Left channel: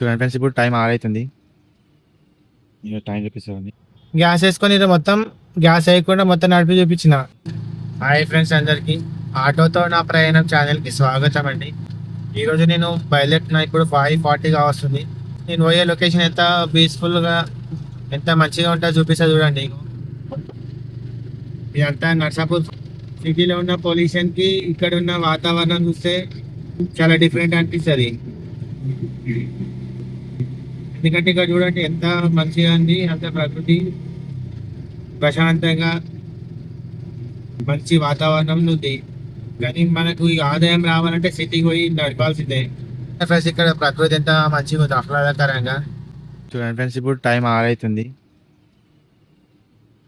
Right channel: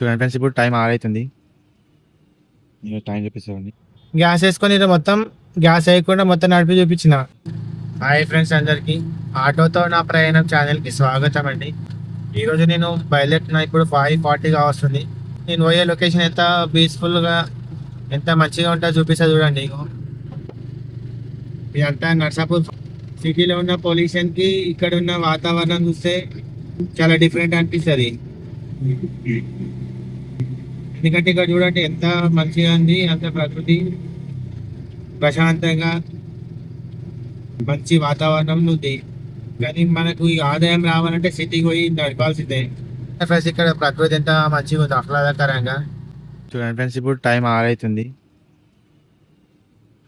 చూడండి ఫ్రెండ్స్ ఇప్పుడు టైం ఆరైతుంది. టైం చూపిస్తుంది గ్యాస్ వేసుకొని మొత్తం గ్యాస్ వేయకుండా మొత్తం నడిపి చూపించిన. హాయ్ ఫ్రెండ్స్ అందరికీ. ఆటోతో నా ప్రయాణం ఛానల్కి స్వాగతం అండి. ఈరోజు నేను బయలుదేరుతున్నా. ఇప్పుడు ఫైవ్ ఫార్టీగా వస్తుంది. నేను పోయే లొకేషన్ ఎంత పీస్ఫుల్గా ఎంత మంచిగా ఉంటుందో చూపిస్తాను చూడండి ఇగో. ఇదంతా నర్సాపూర్ సిటీలో ఉన్న పొల్యూషన్కి ఇక్కడ ఉన్న వాతావరణం చూస్తే చాలా డిఫరెంట్ అనిపిస్తుంది. ఎందుకంటే ఇక్కడ చూడండి ఎంత మంచిగా ఉంది అంత ప్రకృతి ప్రశాంతంగా మంచి వాతావరణం ఉంది. కానీ మనకు ఈ ఆదాయం రావాలంటే సిటీకి పోయి నడపాల్సిందే. ఫ్రెండ్స్ ఇక్కడ ప్రకృతి ఎంత మంచిగా ఉంది ఆహ్లాదకరంగా? చూడండి ఫ్రెండ్స్ ఇప్పుడు టైం ఆరు అవుతుంది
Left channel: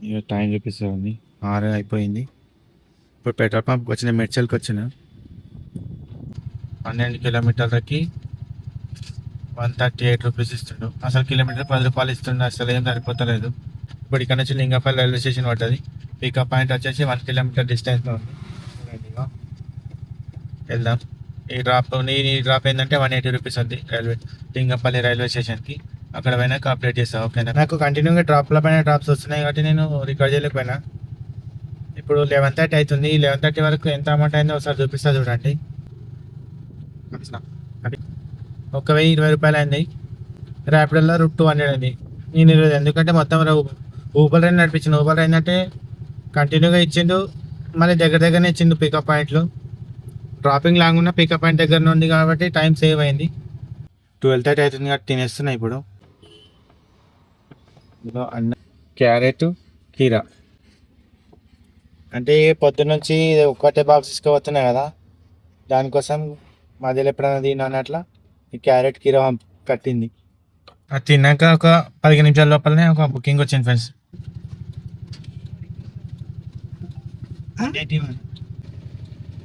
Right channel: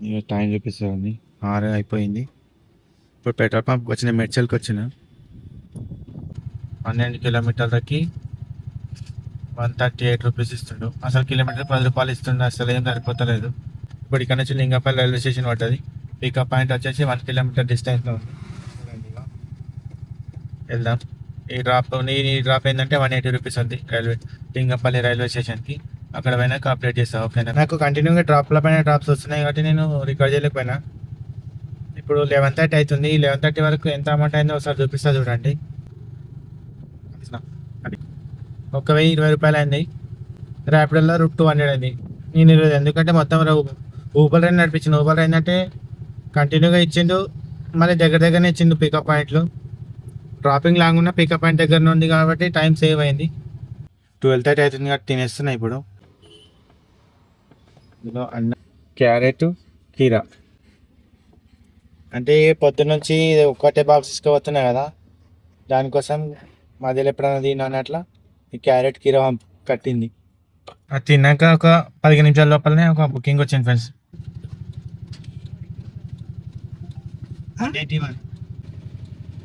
ఇక టైం చూపిస్తుంది ఆరు అయిపోయింది. ఇప్పుడు పెట్రోల్ పంప్ వచ్చిన మెడ్చల్కి వచ్చిన పన్నెండు కిలోమీటర్లకి వన్ థర్టీ ఎయిట్ రూపీస్ ఇస్తుండు. అసలు కిలోమీటర్ పది రూపాయలు ఇస్తుండు అసలు ఏం సరిపోతలేదు. ఇప్పుడు ఇక్కడ నుంచి లింగపల్లి రైల్వే స్టేషన్ పట్టాలి పికప్ పాయింట్ వచ్చేసి వన్ కిలోమీటర్ డిస్టెన్స్లో ఉంది. వెళ్దాం. ఈ డ్రాప్ ఈ డ్రాప్ ఏంటంటే వన్ ఎయిటీ రూపీస్ ఉంది రైల్వే లింగపల్లి రైల్వే స్టేషన్కి అక్కడ పోయినా అప్డేట్ చేస్తాను ఓకేనా? నాకు కంటిన్యూగా డ్రాప్ల పైన డ్రాప్స్ వస్తున్నాయి కాబట్టి నేను రికార్డ్ చేయలేకపోయినా ఇప్పుడు లెవెన్ థర్టీ అవుతుంది. లెవెన్ థర్టీ వరకు ఎంత అమౌంట్ అయిందో ఒకసారి చూపిస్తా చూడండి. ఒక వెయ్యి ఇరవై రూపాయలు అయింది. ర్యాపిడోలో రూప్ టూ హండ్రెడ్ అయింది. నేను ఈరోజు ఎందుకంటే మొత్తం ఊబర్ రైన్ నడిపించింది ఊబర్ రైన్ అంటే కంటిన్యూగా ఇచ్చిండు. మళ్ళీ దగ్గర దగ్గరనే ఇచ్చిండు పికప్ పాయింట్లు డ్రాపింగ్ లాంగ్ ఉన్న పికప్ పాయింట్ దగ్గర ఉంది కాబట్టి టైం సేవ్ అయింది. ట్వెల్వ్ థర్టీ అవుతుంది కాబట్టి తినేస్తున్నాయి ఇప్పుడు. అన్న. క్యారెట్ కీరా. అంటే పొద్దున్న నుంచి ఒక్కటే బాక్స్ తీసుకుపోతున్నాయి కదా. దానికోసం మధ్యలో ఎప్పుడైనా తిన్నాను అట్లా ఈ క్యారెట్ కీరా కట్టింది. అది తిన్నాక ఒక పదిహేను నిమిషాల లోపలనే ఒక బుకింగ్ వచ్చింది ఫ్రెండ్స్.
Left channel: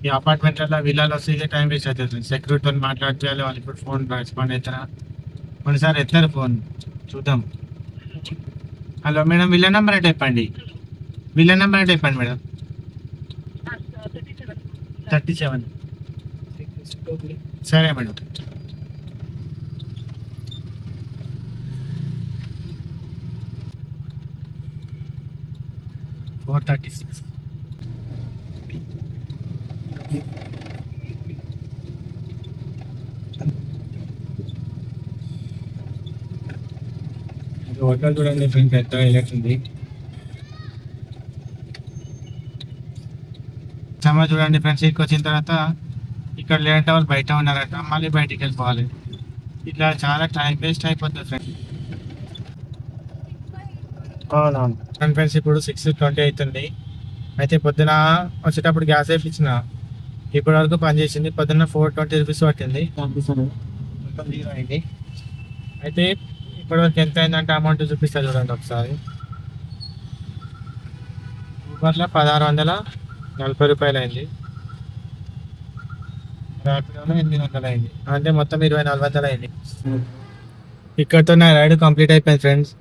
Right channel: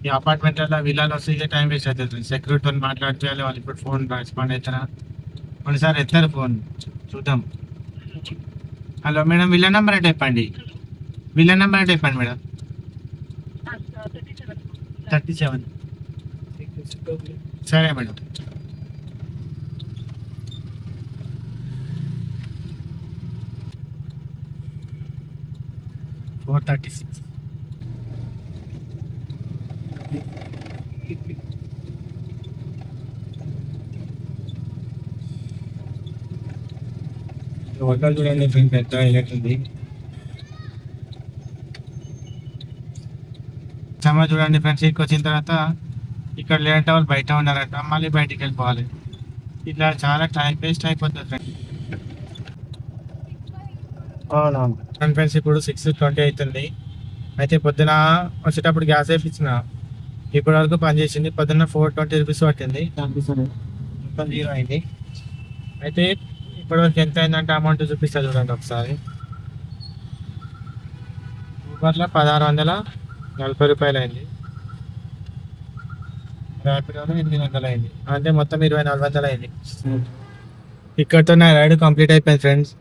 ఈ అపార్ట్మెంట్లలో విల్లాలు వస్తే టైం వేస్ట్ అవుతుంది సెక్యూరిటీతో మాట్లాడితే వాళ్ళు ఇప్పుడు ఫోన్ రెస్పాండ్ అవుతారా? కొన్నిసార్లు ఎత్తారు ఫోన్. చూద్దాం. హలో మేడం విల్ల నెంబర్ అంటే చెప్పండి. విల్ల నెంబర్ అంటే చెప్పండి మేడం. Thirty seven. సరే madam. Four thirty six hotel చూడండి దీని పెద్ద హైలైట్ ఉంది సమ్మ చూడండి ఫ్రెండ్స్ ఇక్కడికి వచ్చిన తర్వాత ఇక్కడ లేదంటే వాళ్ళు బయట ఉన్నారట మళ్ళీ బయటికి వెళ్ళిపోవాలి ఇట్లా చాలా టైం వేస్ట్ అయిపోతుంది ఫ్రెండ్స్ అవునవును. ఫ్రెండ్స్ ఇప్పుడు సిక్స్ ట్వంటీ అవుతుంది అయితే పొద్దున వచ్చేటప్పుడు గ్యాస్ వేయించిన ఇప్పటి వరకు పని చేసింది పొద్దున్న ఫోర్ ట్వంటీ రూపీస్ పట్టింది. మొత్తం జీరో అయింది. అయితే ఇప్పటివరకు ఎంత అయిందంటే అమౌంట్ చూపిస్తా చూడండి ఒకసారి. ఇప్పట్లో పదహారు వందల నలభై రూపాయలు అయింది. ర్యాపిడోలో ఎనిమిది వందలు అయింది. అంటే మొత్తం ఇరవై నాలుగు వందలు అయింది. ఇక్కడతో నా రైడ్ కంప్లీట్ అయిపోయింది ఫ్రెండ్స్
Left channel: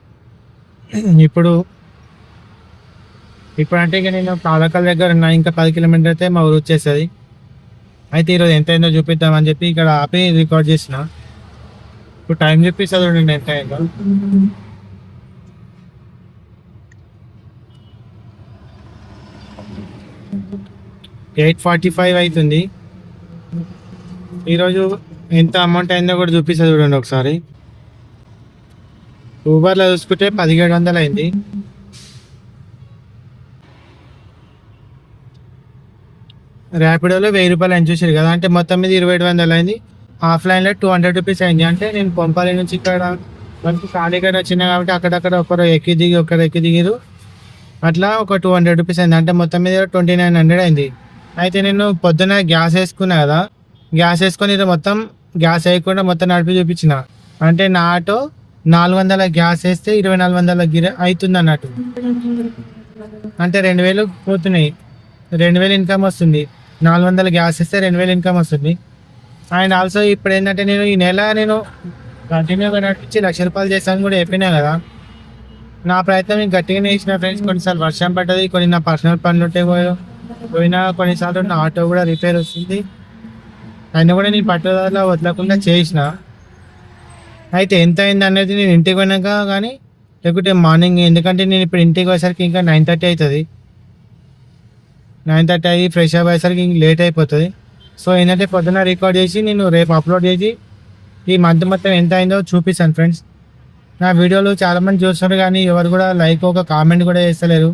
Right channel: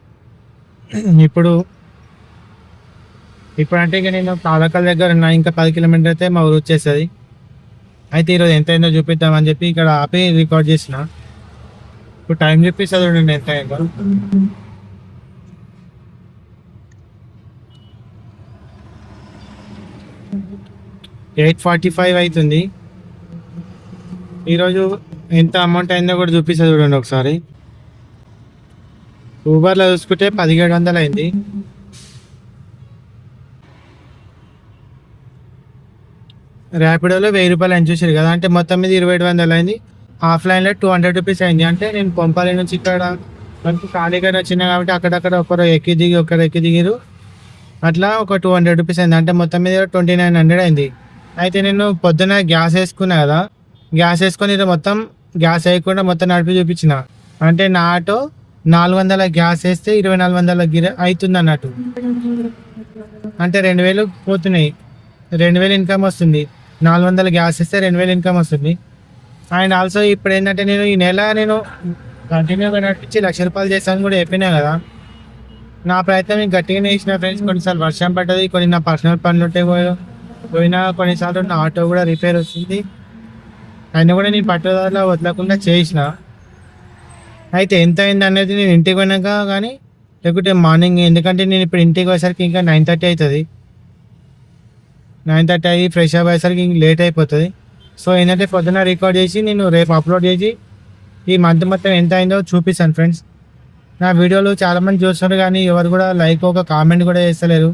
ఇప్పుడు ఇప్పుడు అంటే ఇక నేను పాలకల్ దగ్గర ఉన్నా ఇంకా పది కిలోమీటర్ అయితే మా ఊరు వచ్చేస్తుంది. అయితే ఈరోజు ఎంత అయిందో చూపిద్దామని చెప్పి ఇక్కడ ఆపి రికార్డ్ చేసిన. ఇప్పుడు టైం చెప్పిస్తా చూడండి ఎంత అయిందో. ఎయిట్ ఫార్టీ ఫైవ్ అవుతుంది. ఈరోజు ఎంత అమౌంట్ అయిందో కూడా చూపిస్తుంది చూడండి ఒకసారి. ఊబర్లో చూసుకుంటే పదిహేడు వందలు అయింది. ర్యాపిడోలో వెయ్యి రూపాయలు అని చూసారు కదా అంటే మొత్తం మీద ఇరవై ఏడు వందలు అయింది. ఆఫ్లైన్లో టూ హండ్రెడ్ రూపీస్ అయింది. అంటే నేను పంపాలి నుంచి ఇక్కడ మనకి ఖాళీగా వచ్చిన కాబట్టి అక్కడక్కడ ఒకరు ఎక్కి దిగి ఒకరు ఎక్కి దిగిరు. అట్లా ఒక టూ హండ్రెడ్ రూపీస్ అయింది. అంటే మొత్తం మీద ట్వంటీ నైన్ హండ్రెడ్ అయింది. అయితే నేను పొద్దున గ్యాస్ వేసుకున్నా కదా గ్యాస్ వేసుకొని మొత్తం గ్యాస్ వేయకుండా మొత్తం నడిపి చూపించిన. అంటే నా ఆటో నాలుగు వందల గ్యాస్ వేస్తే ఇరవై నాలుగు వందల గిర అవుతుంది అన్నట్టు అంటే రెండు వేలు పోతున్నాయి. రెండు వేలు ఇన్కమ్ వస్తుంది. నాలుగు వందల గ్యాస్ ఇస్తే రెండు వేలు ఇన్కమ్ వస్తుంది. అండ్ ఆల్సో ఇప్పుడు ఏంటంటే నేను ఈ నెల నేను కంటిన్యూగా నడిపించి లక్ష రూపాయలు చేశాను కూడా చెప్పినా కదా. నా ప్రయత్నం నేను గట్టిగానే ఇచ్చిన ఫ్రెండ్స్ కొన్నిసార్లు వర్షం పడ్డది కొన్ని నా పర్సనల్ పనులు ఉంటే పోయినా పోయినా కొన్నిసార్లు నా ఆటో కూడా రిపేర్ వస్తుంది. అయినా కూడా నేను పట్టుదల వదలకుండా చేసిన. అయితే ఎంత అయింది అనేది నేను ఇంటికి పోయినాక కానీ లేకుంటే మార్నింగ్ ఎందుకంటే నేను ఇప్పుడు ఇంటికి పోయేసరికి ఇంకా నైన్ థర్టీ అవుతుంది నైన్ థర్టీ అయ్యి ఫ్రెష్ అప్ అయ్యేసరికి ఇంక లేట్ అయిపోతుంది. సో ఏంటంటే పొద్దున రికార్డ్ చేసి నేను రేపు అప్లోడ్ చేసి ఈ మంత్ మొత్తం ఎంత అయిందో చూపిస్తాను ఫ్రెండ్స్ నా వీడియోలు చాలామంది చూస్తున్నారు కానీ ఎవరు కూడా లైక్ ఒక కామెంట్ కూడా చేస్తలేరు.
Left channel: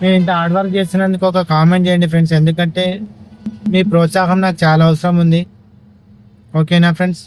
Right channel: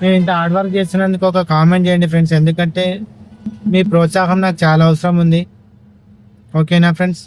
నేను ఇంత హార్డ్ వర్క్ చేస్తున్నందుకు ఒక కామెంట్ చేయండి ఫ్రెండ్స్ ఎందుకంటే మీ ప్రోత్సాహం నాకు చాలా అవసరం ఉంది. ఓకేనా ఫ్రెండ్స్